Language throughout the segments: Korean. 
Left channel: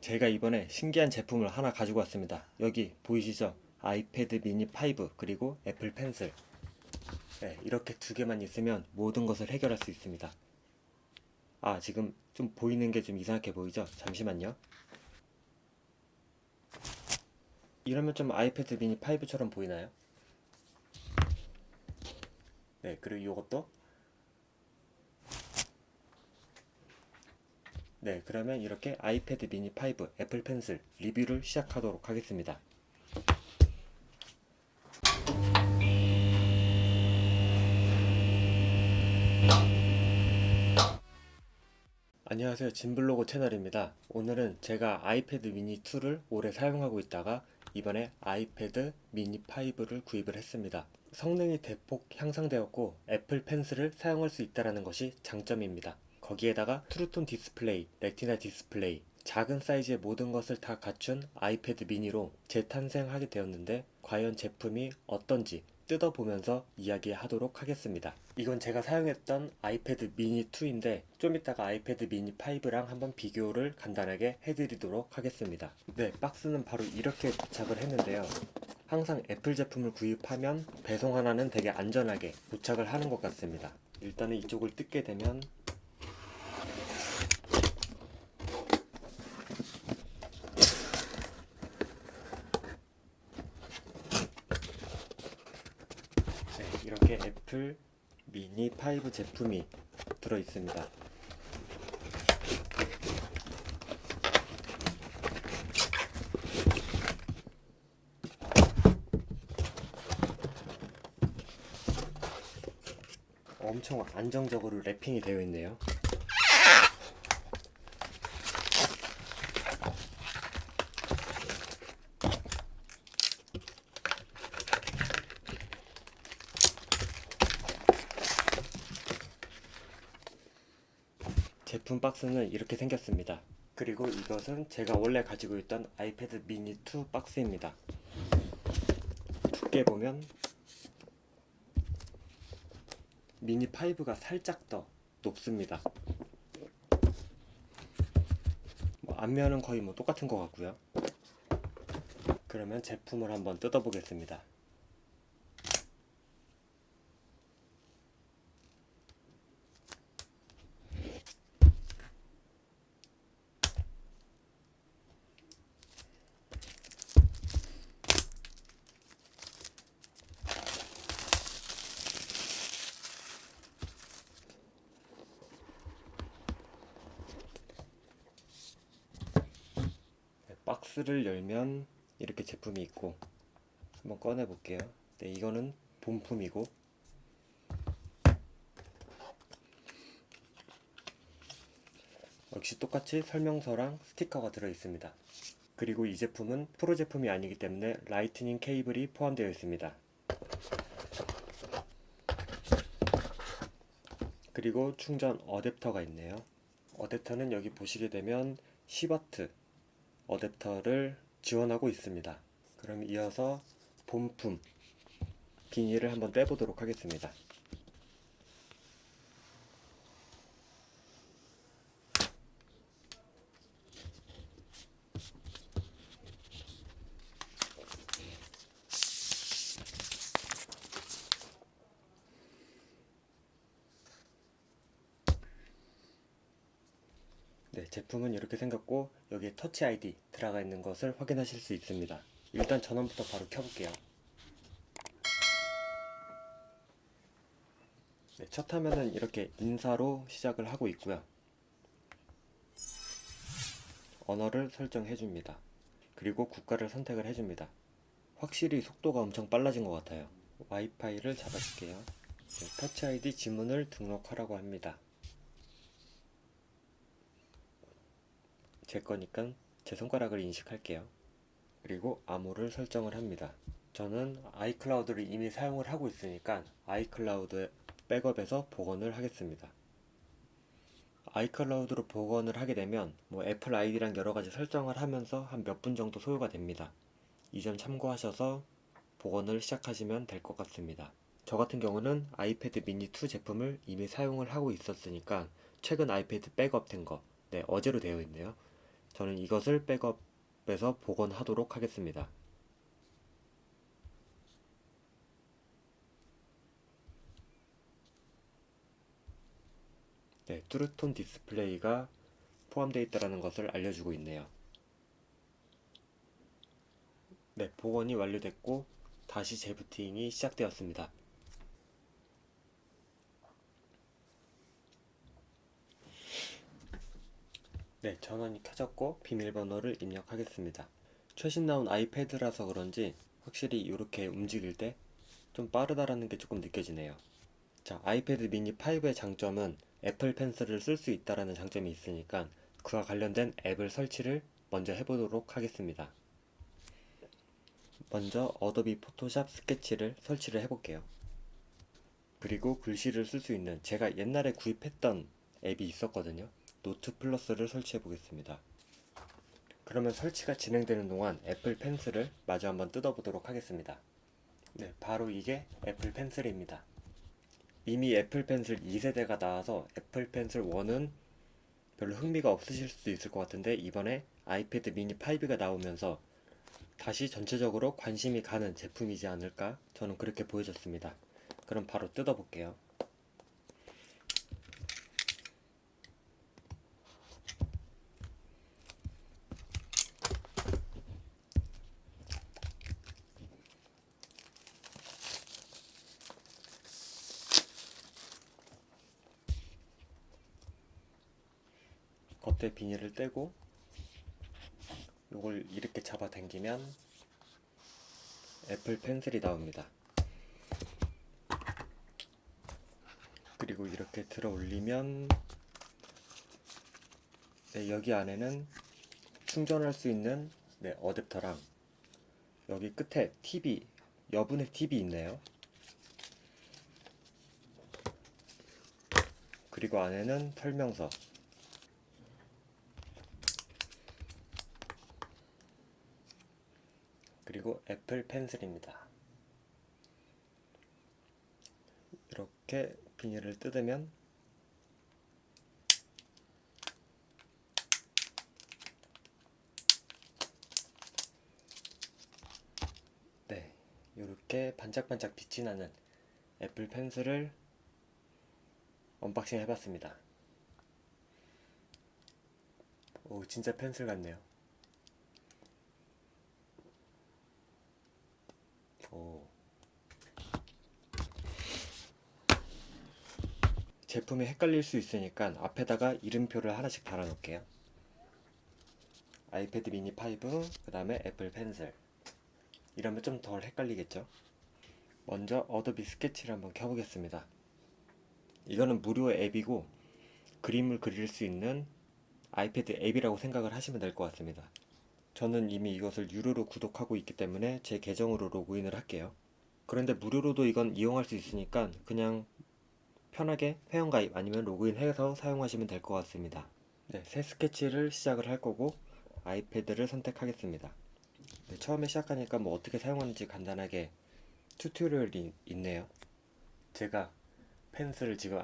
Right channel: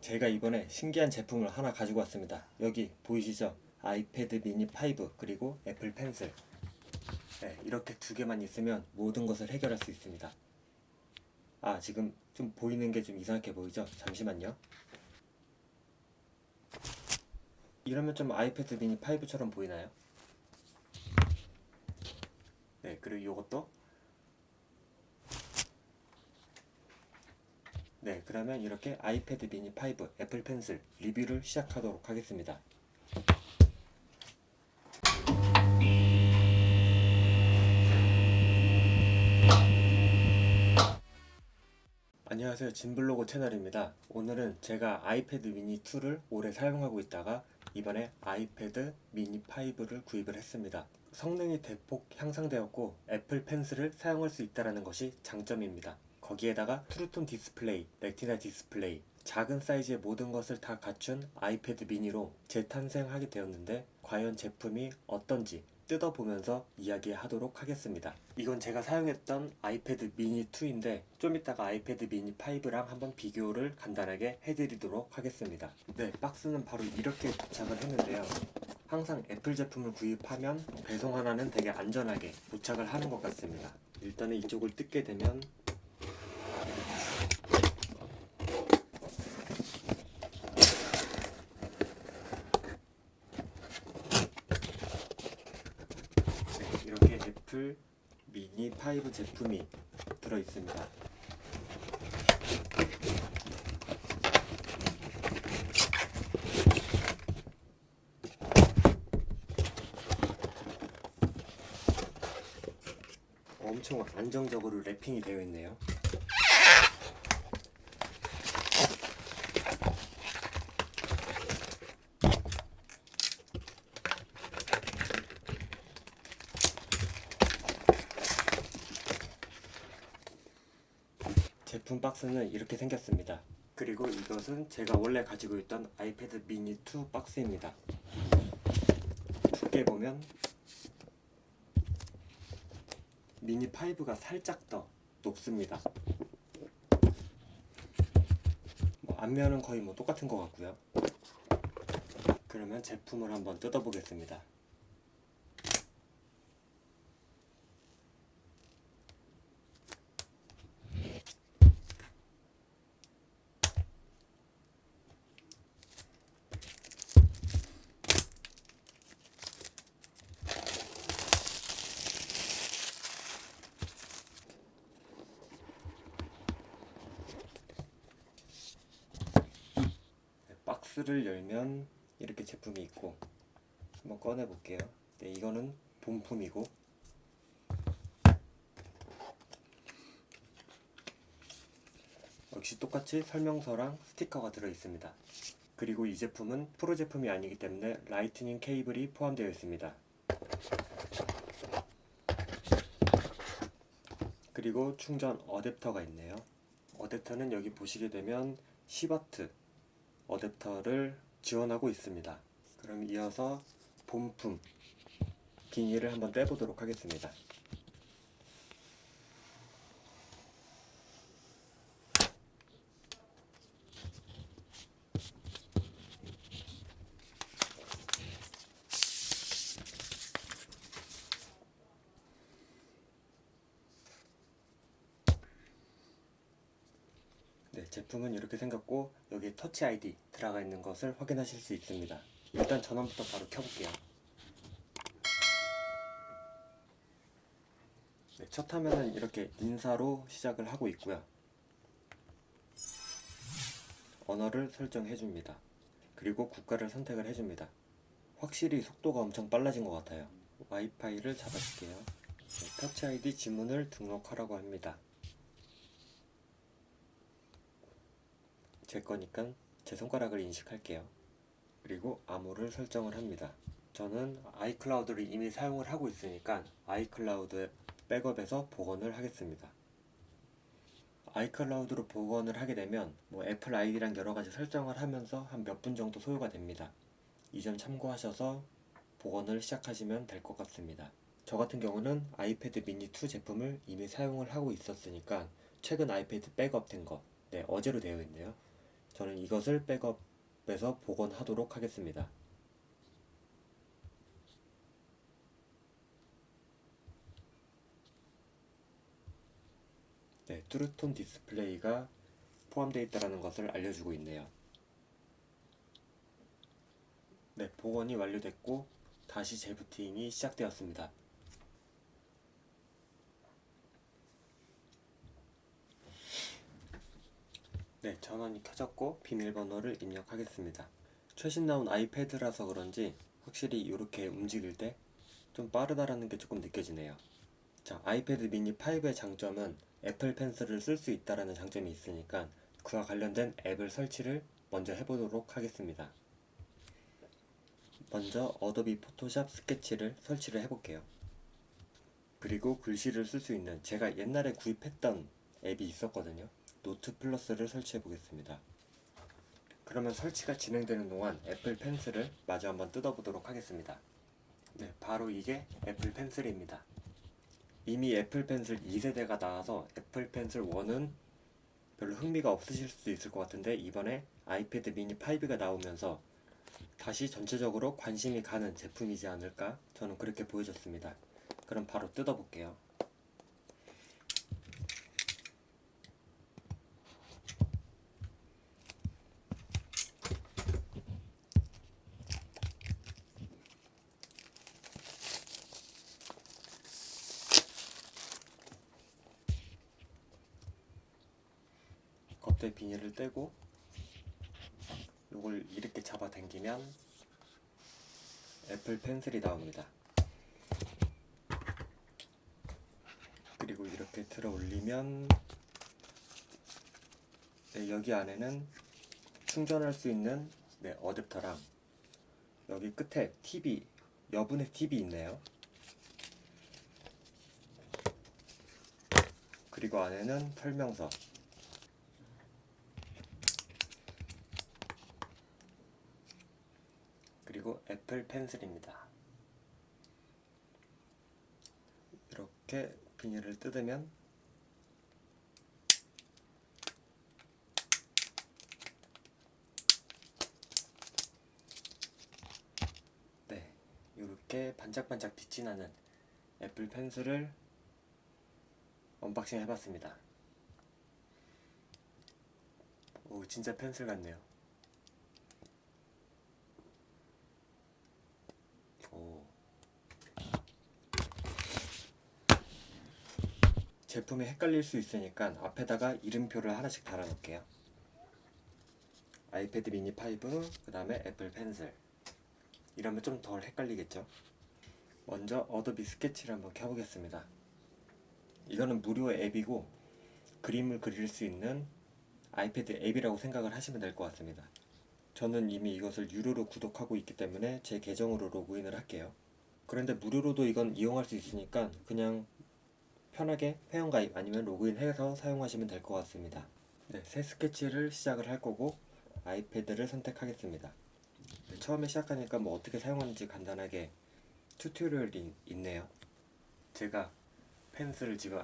제가 이번에 신기한 제품을 하나 가지고 왔습니다. 여기 보이시죠? 아이패드 미니 5 그리고 애플 펜슬. 네, 이렇게 두 개만 있으면 모든 것을 해결할 수 있습니다. 아, 지금 좀 보이는 게 좀 이상하게 보이죠? 잠시만요. 이러면 좀 아이패드 미니 5처럼 보이나요? 네, 그리고 이것도 네, 그러면 이렇게 아이패드 미니 5 애플 펜슬 리뷰를 시작하도록 하겠습니다. 안녕하세요. 진블로그 채널입니다. 오늘은 제가 아이패드 미니 2를 오래 사용하고 있다가 이번에 아이패드 미니 5를 구입을 했습니다. 성능이 대폭 향상되었고 애플 펜슬을 사용할 수 있다는 것이 장점입니다. 거기에다가 트루톤 디스플레이, 레티나 디스플레이, 작은 사이즈의 모든 것을 다 갖춘 아이패드 미니로 재탄생하게 되었는데 과연 제품이 어떤지 뜯어보면서 이야기하도록 하겠습니다. 이건 제가 사용했던 아이패드 미니 2인데 좀 이따가 아이패드 미니 5랑 한번 비교를 간단하게 해드리도록 하겠습니다. 네, 박스는 바로 이렇게 도착을 했는데요. 항상 애플 제품을 구입하면 배송 하나는 되게 안전하게 도착을 하는 것 같습니다. 일단은 이쪽을 뜯게 되면 네, 이렇게 애플 5 제품이 들어 있습니다. 엄청 안정적으로 랩핑이 되어 있네요. 제품 박스는 이렇게 생겼습니다. 그리고 이것은 제가 원래 가지고 있던 아이패드 미니 2 박스입니다. 두께 보면 미니 5가 살짝 더 높습니다. 뭐 앞면은 거의 뭐 똑같은 것 같고요. 그러면 제품을 한번 뜯어보겠습니다. 네, 박스를 열면 이렇게 제품이 있고 한번 꺼내 볼게요. 네, 이거는 본품이고 역시 똑같이 설명서랑 스티커가 들어 있습니다. 그리고 이 제품은 프로 제품이 아니기 때문에 라이트닝 케이블이 포함되어 있습니다. 그리고 충전 어댑터가 있네요. 어댑터는 여기 보시게 되면 10W 어댑터를 지원하고 있습니다. 그럼 이어서 본품 비닐을 한번 떼보도록 하겠습니다. 네, 제품은 이렇게 생겼고 여기에 터치 아이디 들어가 있는 것을 확인하실 수 있습니다. 일단 전원부터 바로 켜볼게요. 네, 첫 화면은 이렇게 인사로 시작을 하고 있고요. 언어를 설정해 줍니다. 그리고 국가를 선택을 해줍니다. 확실히 속도가 엄청 빨라진 것 같아요. 와이파이를 잡아줄게요. 네, 터치 아이디 지문을 등록하라고 합니다. 제 거니까 제 손가락을 인식할게요. 그리고 암호를 설정을 합니다. 저는 아이클라우드를 이미 사용을 하고 있으니까 아이클라우드 백업에서 복원을 하겠습니다. 아이클라우드로 복원을 하게 되면 뭐 애플 아이디랑 여러 가지 설정을 하면서 한 몇 분 정도 소요가 됩니다. 이 점 참고하셔서 복원을 시작하시면 될 것 같습니다. 저 같은 경우는 아이패드 미니 2 제품을 이미 사용을 하고 있었으니까 최근 아이패드 백업된 거, 네, 어제로 되어 있네요. 저는 이것을 백업해서 복원하도록 하겠습니다. 네, 뚜르톤 디스플레이가 포함되어 있다는 것을 알려주고 있네요. 네, 복원이 완료됐고 다시 재부팅이 시작되었습니다. 네, 전원이 켜졌고 비밀번호를 입력하겠습니다. 최신 나온 아이패드라서 그런지 확실히 이렇게 움직일 때 좀 빠르다라는 게 조금 느껴지네요. 자, 아이패드 미니 5의 장점은 애플 펜슬을 쓸 수 있다라는 장점이 있으니까 그와 관련된 앱을 설치를 먼저 해보도록 하겠습니다. 먼저 어도비 포토샵 스케치를 설치를 해볼게요. 그리고 글씨를 쓸 수 있는 제가 옛날에 구입했던 앱이 있었거든요. 노트 플러스를 설치해 보겠습니다. 그러면 설치가 진행되는 동안 애플 펜슬을 마저 한번 뜯어 보도록 하겠습니다. 네, 바로 이게 애플 펜슬입니다. 이미 애플 펜슬 2세대가 나와서 애플 펜슬 1은 별로 흥미가 없으실 수도 있을 것 같은데 이번에 아이패드 미니 5가 나오면서 다시 전체적으로 관심이 가는 제품이지 않을까 저는 그렇게 보여졌습니다. 그럼 바로 뜯어볼게요. 겉에 비닐을 떼고 이걸 이렇게 잡아 당기면 애플 펜슬이 나옵니다. 그리고 이렇게 들어 올리면 네, 여기 안에는 충전할 수 있는 네, 어댑터랑 여기 끝에 TV 여분의 TV 있네요. 그리고 안에는 설명서 그리고 애플 펜슬입니다. 이렇게 비닐을 뜯으면 네, 이렇게 반짝반짝 빛이 나는 애플 펜슬을 언박싱 해봤습니다. 오, 진짜 펜슬 같네요. 오. 제품이 헷갈릴 수 있으니까 앞에다가 이름표를 하나씩 달아 놓을게요. 아이패드 미니 5, 그 다음에 애플 펜슬. 이러면 좀 덜 헷갈리겠죠? 먼저 어도비 스케치를 한번 켜보겠습니다. 이거는 무료 앱이고 그림을 그릴 수 있는 아이패드 앱이라고 생각을 하시면 될 것 같습니다. 저는 이미 이것을 유료로 구독하고 있기 때문에 제 계정으로 로그인을 할게요. 그런데 무료로도 이건 이용할 수 있으니까 그냥 편하게 회원가입 아니면 로그인해서 사용하시면 될 것 같습니다. 네, 새 스케치를 시작을 할 거고 아이패드를 선택하겠습니다. 네, 처음에 시작하니까 뭐 어떻게 사용하는지 간단하게 튜토리얼이 있네요. 제가 펜슬을 지금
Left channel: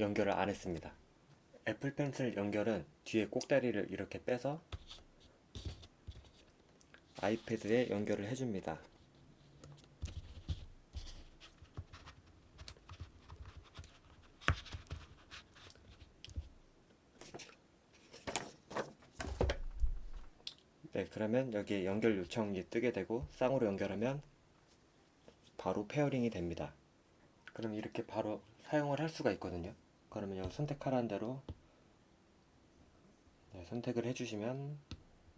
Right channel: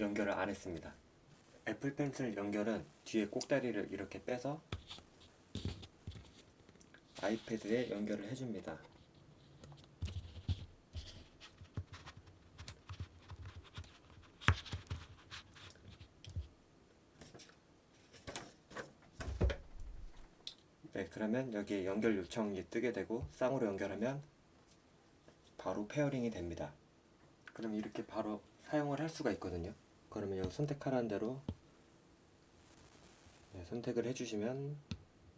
연결을 안 했습니다. 애플 펜슬 연결은 뒤에 꼭다리를 이렇게 빼서 아이패드에 연결을 해줍니다. 네, 그러면 여기에 연결 요청이 뜨게 되고 쌍으로 연결하면 바로 페어링이 됩니다. 그럼 이렇게 바로 사용을 할 수가 있거든요. 그러면 여기 선택하라는 대로 네, 선택을 해주시면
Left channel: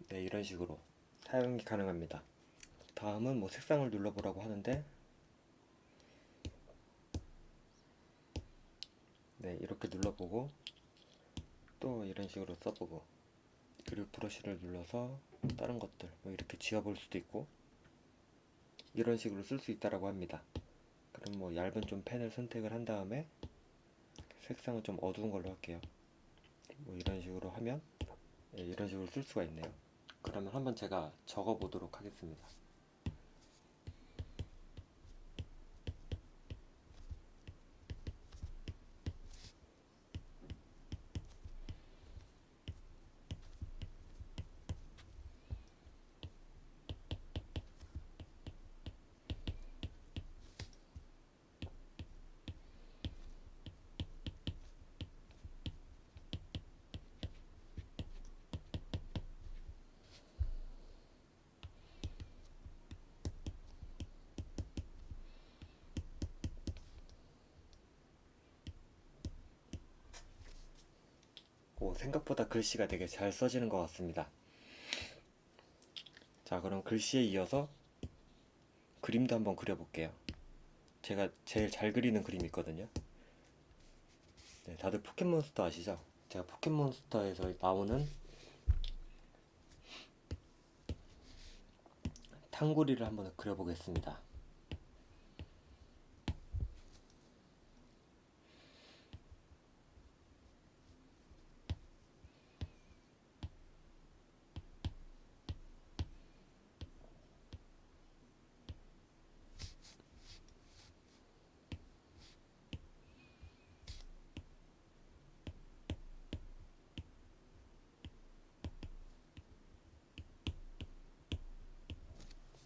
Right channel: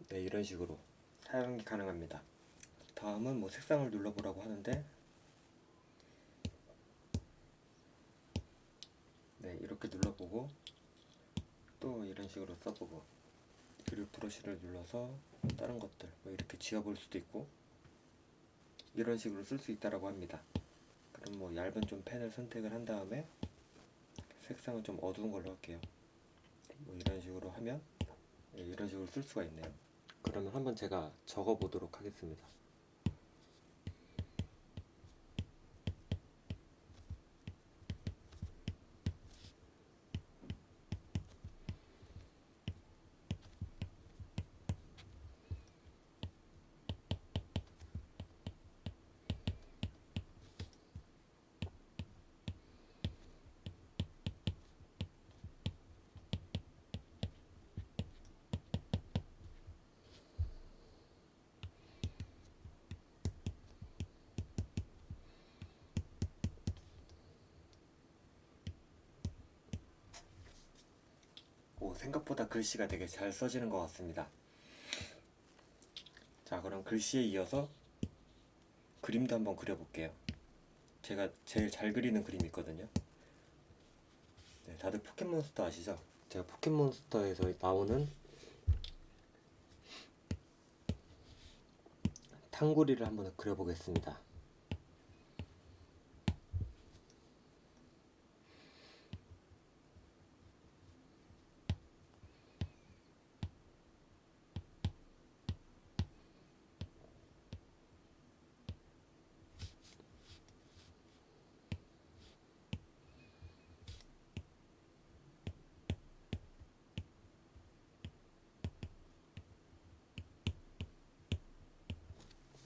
네, 이런 식으로 사용이 가능합니다. 다음은 뭐 색상을 눌러보라고 하는데 네 이렇게 눌러보고 또 이런 식으로 써보고 그리고 브러쉬를 눌러서 다른 것들 뭐 이렇게 지워볼 수도 있고 이런 식으로 쓸 수 있다라고 합니다. 그럼 뭐 얇은 좀 펜을 선택을 한 다음에 색상을 좀 어두운 걸로 할게요. 뭐 이런 식으로 하면 네, 이런 식으로 쓸 수가 있네요. 그러면 한번 제가 적어 보도록 하겠습니다. 생각보다 글씨가 되게 잘 써지는 것 같습니다. 자, 그럼 글씨에 이어서 그림도 한번 그려볼게요. 제가 제일 잘 그리는 그림이 있거든요. 네, 다들 포켓몬스터 아시죠? 제가 포켓몬스터에서 나오는 탕구리를 한번 그려보겠습니다.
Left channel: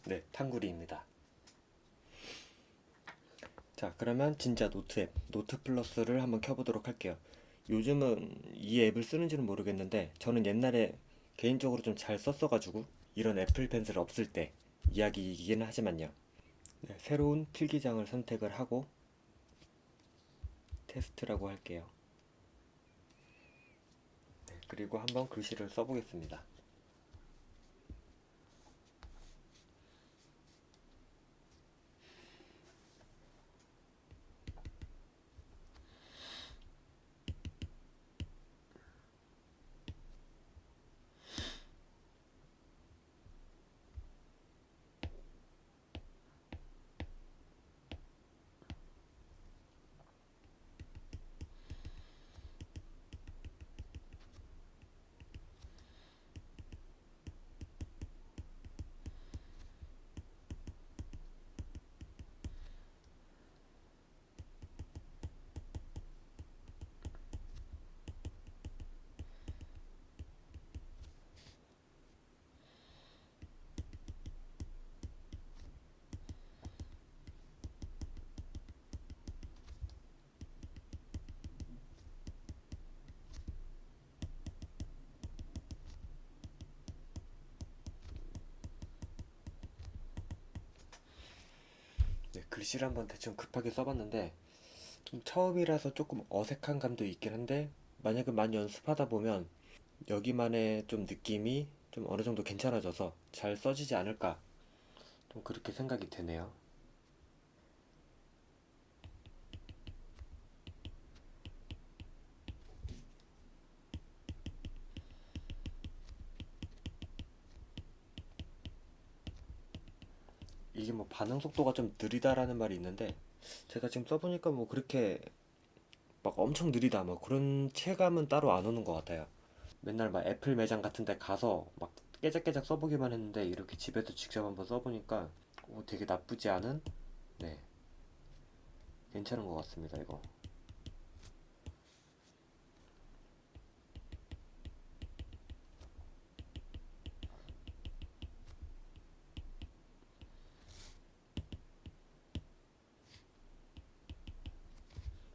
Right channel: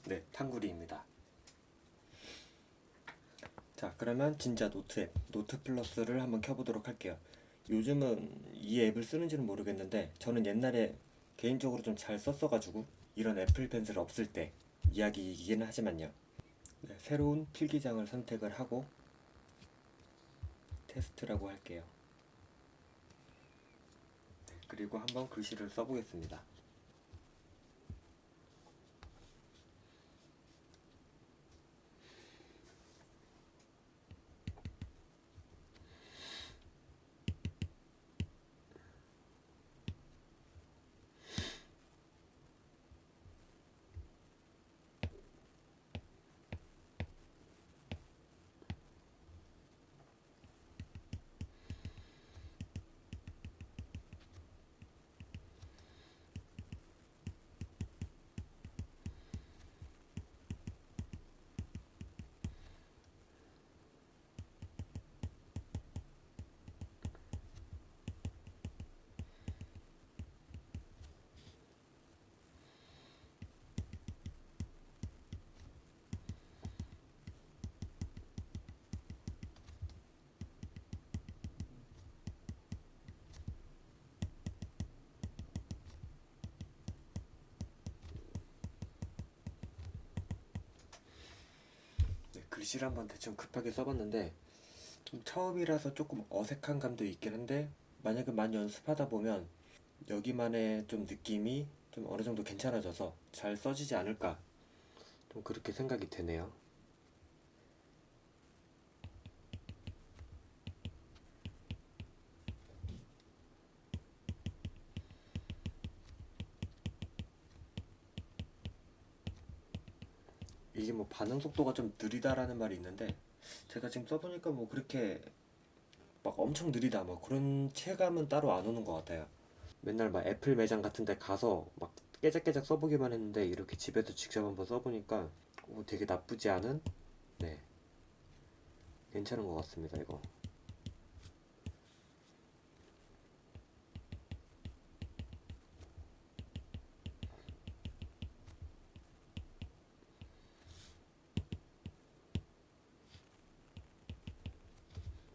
네, 탕구리입니다. 자, 그러면 진짜 노트 앱, 노트 플러스를 한번 켜보도록 할게요. 요즘은 이 앱을 쓰는지는 모르겠는데, 저는 옛날에 개인적으로 좀 잘 썼어가지고, 이런 애플 펜슬 없을 때 이야기이기는 하지만요. 네, 새로운 필기장을 선택을 하고, 테스트라고 할게요. 네, 그리고 한번 글씨를 써보겠습니다. 글씨를 한번 대충 급하게 써봤는데 좀 처음이라서 조금 어색한 감도 있긴 한데 만약에 많이 연습하다 보면 여기만의 좀 느낌이 좀 어느 정도 괜찮아져서 잘 써지지 않을까 좀 그렇게 생각이 되네요. 이게 뭐 반응 속도가 좀 느리다라는 말이 있는데 제가 지금 써보니까 뭐 그렇게 막 엄청 느리다 뭐 그런 체감은 따로 안 오는 것 같아요. 맨날 막 애플 매장 같은 데 가서 막 깨작깨작 써보기만 했는데 이렇게 집에도 직접 한번 써보니까 오, 되게 나쁘지 않은 네 괜찮은 것 같습니다 이거.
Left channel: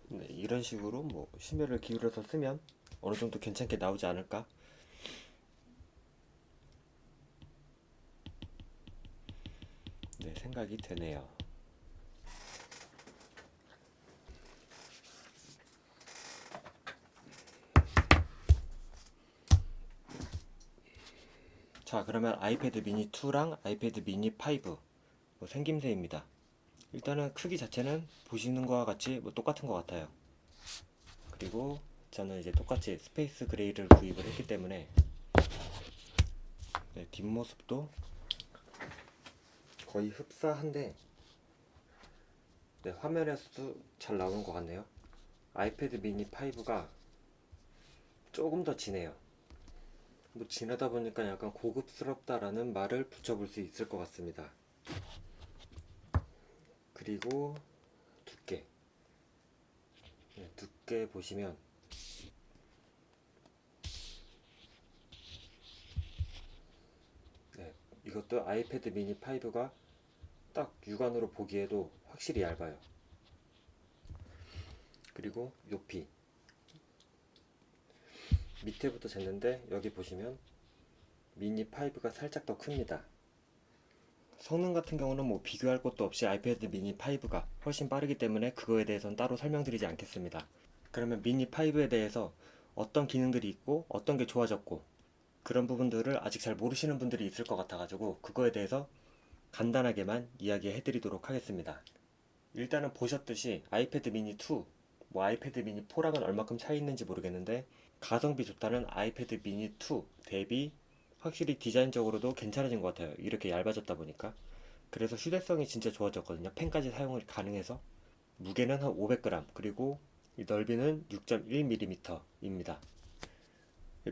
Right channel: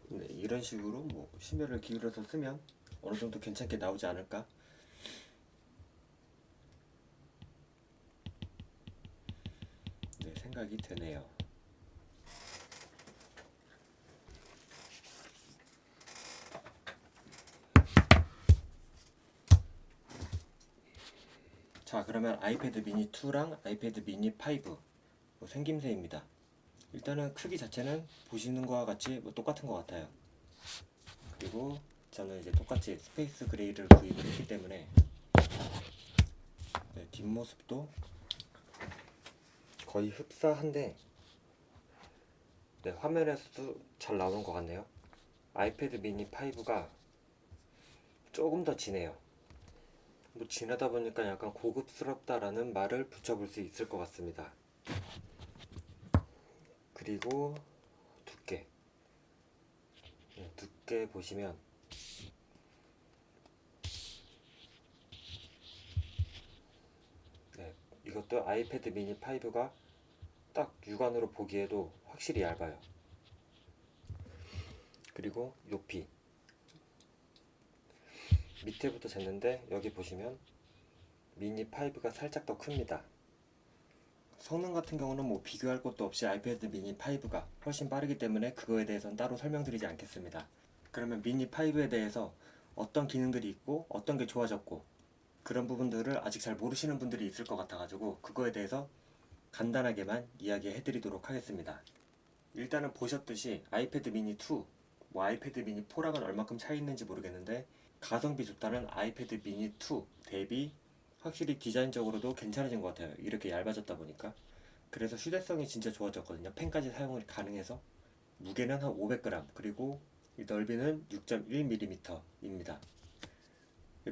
네, 이런 식으로 뭐 심혈을 기울여서 쓰면 어느 정도 괜찮게 나오지 않을까? 네, 생각이 되네요. 자, 그러면 아이패드 미니 2랑 아이패드 미니 5 뭐 생김새입니다. 일단은 크기 자체는 보시는 거와 같이 뭐 똑같은 것 같아요. 그리고 저는 이제 똑같이 스페이스 그레이를 구입을 했기 때문에 네, 뒷모습도 거의 흡사한데 네, 화면에서도 잘 나오는 것 같네요. 아이패드 미니 5가 조금 더 진해요. 뭐 진하다 보니까 약간 고급스럽다라는 말을 붙여볼 수 있을 것 같습니다. 그리고 두께. 네, 두께 보시면 네, 이것도 아이패드 미니 5가 딱 육안으로 보기에도 확실히 얇아요. 그리고 높이. 밑에부터 쟀는데 여기 보시면 미니 5가 살짝 더 큽니다. 성능 같은 경우는 뭐 비교할 것도 없이 아이패드 미니 5가 훨씬 빠르기 때문에 그거에 대해서는 따로 설명드리지 않겠습니다. 그러면 미니 5에 대해서 어떤 기능들이 있고 어떤 게 좋아졌고 그런 부분들을 아직 잘 모르시는 분들이 있을 것 같아가지고 그거에 대해서 간단하게만 이야기해 드리도록 하겠습니다. 일단은 보셨듯이 아이패드 미니 2, 뭐 아이패드 미니 4랑은 얼마큼 차이 있는지 모르겠는데 가성비 좋다는 아이패드 미니 2 대비 확실히 디자인적으로도 괜찮아진 것 같아요. 이렇게 얇아졌다 보니까. 그래서 휴대성이 진짜 좋아졌거든요. 펜까지 사용이 가능해서. 무게는 한 500g, 그리고 이 넓이는 6.1mm입니다.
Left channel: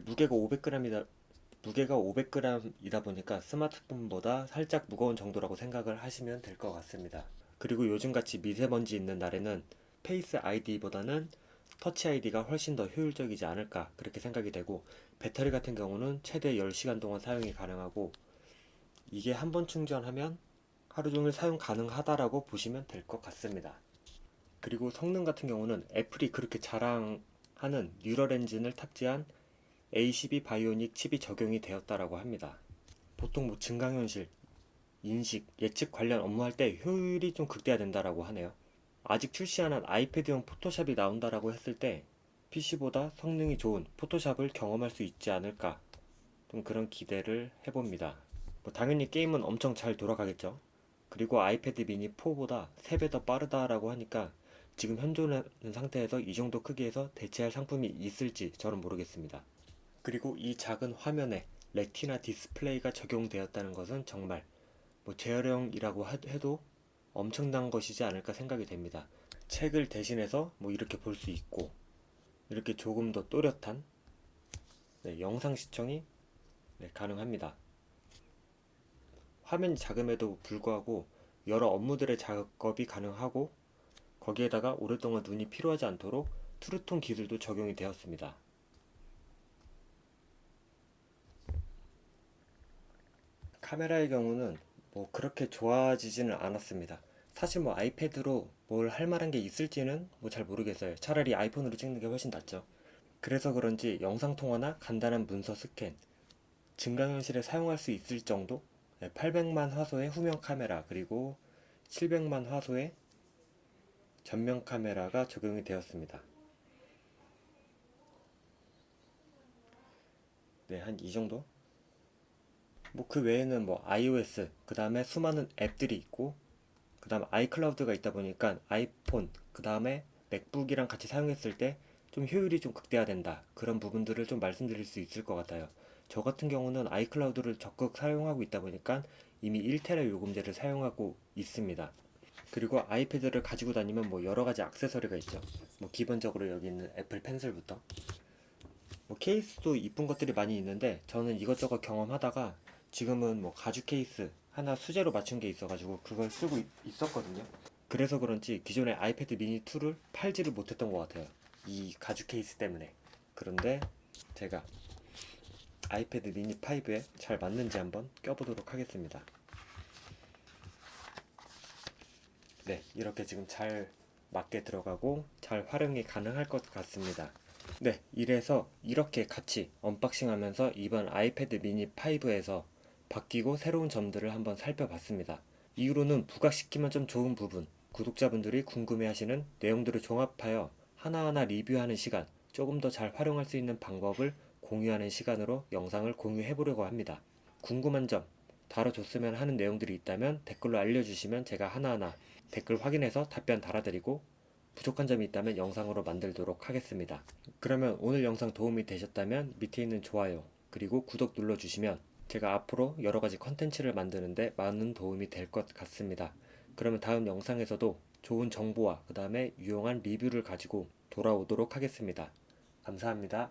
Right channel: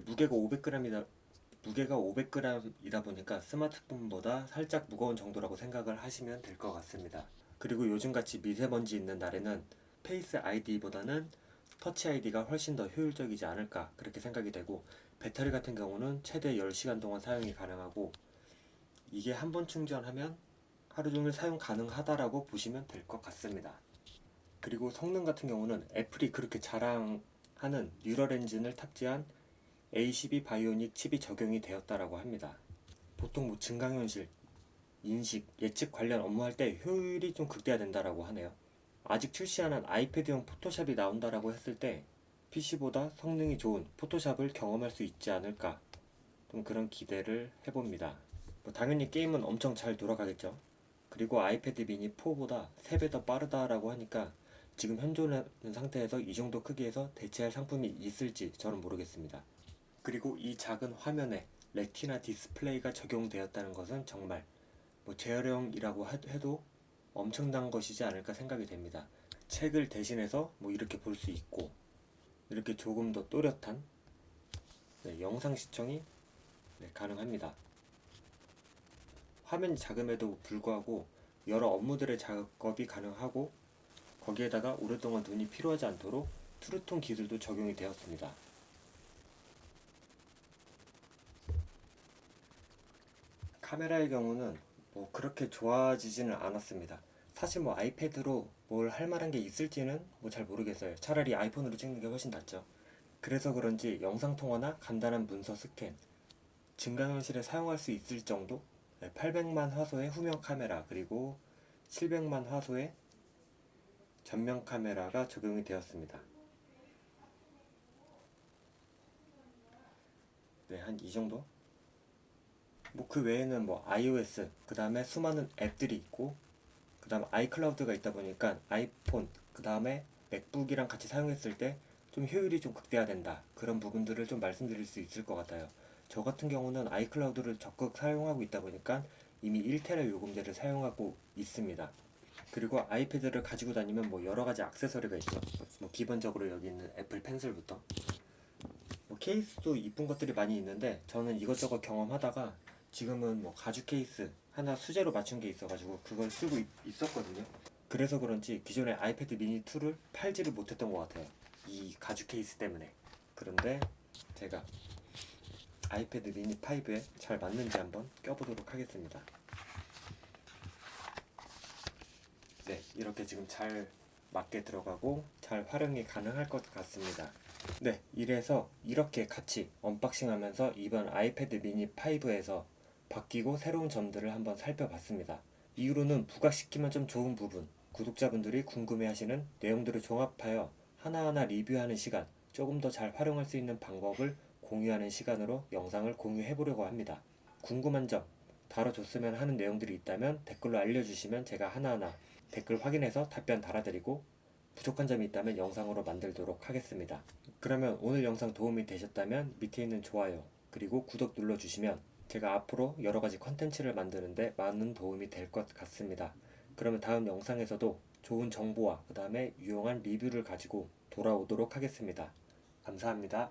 무게가 500g이다, 무게가 500g이다 보니까 스마트폰보다 살짝 무거운 정도라고 생각을 하시면 될 것 같습니다. 그리고 요즘같이 미세먼지 있는 날에는 페이스 아이디보다는 터치 아이디가 훨씬 더 효율적이지 않을까 그렇게 생각이 되고 배터리 같은 경우는 최대 10시간 동안 사용이 가능하고 이게 한 번 충전하면 하루 종일 사용 가능하다라고 보시면 될 것 같습니다. 그리고 성능 같은 경우는 애플이 그렇게 자랑하는 뉴럴 엔진을 탑재한 A12 바이오닉 칩이 적용이 되었다라고 합니다. 보통 뭐 증강현실, 인식, 예측 관련 업무할 때 효율이 좀 극대화된다라고 하네요. 아직 출시 안한 아이패드용 포토샵이 나온다라고 했을 때 PC보다 성능이 좋은 포토샵을 경험할 수 있지 않을까 좀 그런 기대를 해봅니다. 뭐 당연히 게임은 엄청 잘 돌아가겠죠. 그리고 아이패드 미니 4보다 3배 더 빠르다라고 하니까 지금 현존하는 상태에서 이 정도 크기에서 대체할 상품이 있을지 저는 모르겠습니다. 그리고 이 작은 화면에 레티나 디스플레이가 적용되었다는 것은 정말 뭐 재활용이라고 하- 해도 엄청난 것이지 않을까 생각이 됩니다. 책을 대신해서 뭐 이렇게 볼 수 있고 이렇게 조금 더 또렷한 네, 영상 시청이 네, 가능합니다. 화면이 작음에도 불구하고 여러 업무들의 작업이 가능하고 거기에다가 오랫동안 눈이 피로하지 않도록 트루톤 기술도 적용이 되었습니다. 카메라의 경우는 뭐 그렇게 좋아지지는 않았습니다. 사실 뭐 아이패드로 뭘 할 만한 게 있을지는 뭐 잘 모르겠어요. 차라리 아이폰으로 찍는 게 훨씬 낫죠. 그래서 그런지 영상 통화나 간단한 문서 스캔, 증강현실에 사용할 수 있을 정도? 800만 화소의 후면 카메라 그리고 700만 화소의 전면 카메라가 적용이 되었습니다. 네, 한 이 정도? 뭐 그 외에는 뭐 iOS, 그 다음에 수많은 앱들이 있고, 그 다음 아이클라우드가 있다 보니까 아이폰, 그 다음에 맥북이랑 같이 사용했을 때 좀 효율이 좀 극대화된다. 그런 부분들을 좀 말씀드릴 수 있을 것 같아요. 저 같은 경우는 아이클라우드를 적극 사용하고 있다 보니까 이미 1테라 요금제를 사용하고 있습니다. 그리고 아이패드를 가지고 다니면 뭐 여러 가지 액세서리가 있죠. 뭐 기본적으로 여기 있는 애플 펜슬부터 뭐 케이스도 이쁜 것들이 많이 있는데 저는 이것저것 경험하다가 지금은 뭐 가죽 케이스 하나 수제로 맞춘 게 있어가지고 그걸 쓰고 있, 있었거든요. 그래서 그런지 기존의 아이패드 미니 2를 팔지를 못했던 것 같아요. 이 가죽 케이스 때문에. 그런데 제가 아이패드 미니 5에 잘 맞는지 한번 껴보도록 하겠습니다. 네, 이렇게 지금 잘 맞게 들어가고 잘 활용이 가능할 것 같습니다. 네, 이래서 이렇게 같이 언박싱 하면서 이번 아이패드 미니 5에서 바뀌고 새로운 점들을 한번 살펴봤습니다. 이후로는 부각시키면 좀 좋은 부분, 구독자분들이 궁금해 하시는 내용들을 종합하여 하나하나 리뷰하는 시간, 조금 더 잘 활용할 수 있는 방법을 공유하는 시간으로 영상을 공유해 보려고 합니다. 궁금한 점, 다뤄줬으면 하는 내용들이 있다면 댓글로 알려주시면 제가 하나하나 댓글 확인해서 답변 달아드리고 부족한 점이 있다면 영상으로 만들도록 하겠습니다. 그러면 오늘 영상 도움이 되셨다면 밑에 있는 좋아요 그리고 구독 눌러주시면 제가 앞으로 여러 가지 컨텐츠를 만드는데 많은 도움이 될 것 같습니다. 그러면 다음 영상에서도 좋은 정보와 그 다음에 유용한 리뷰를 가지고 돌아오도록 하겠습니다. 감사합니다.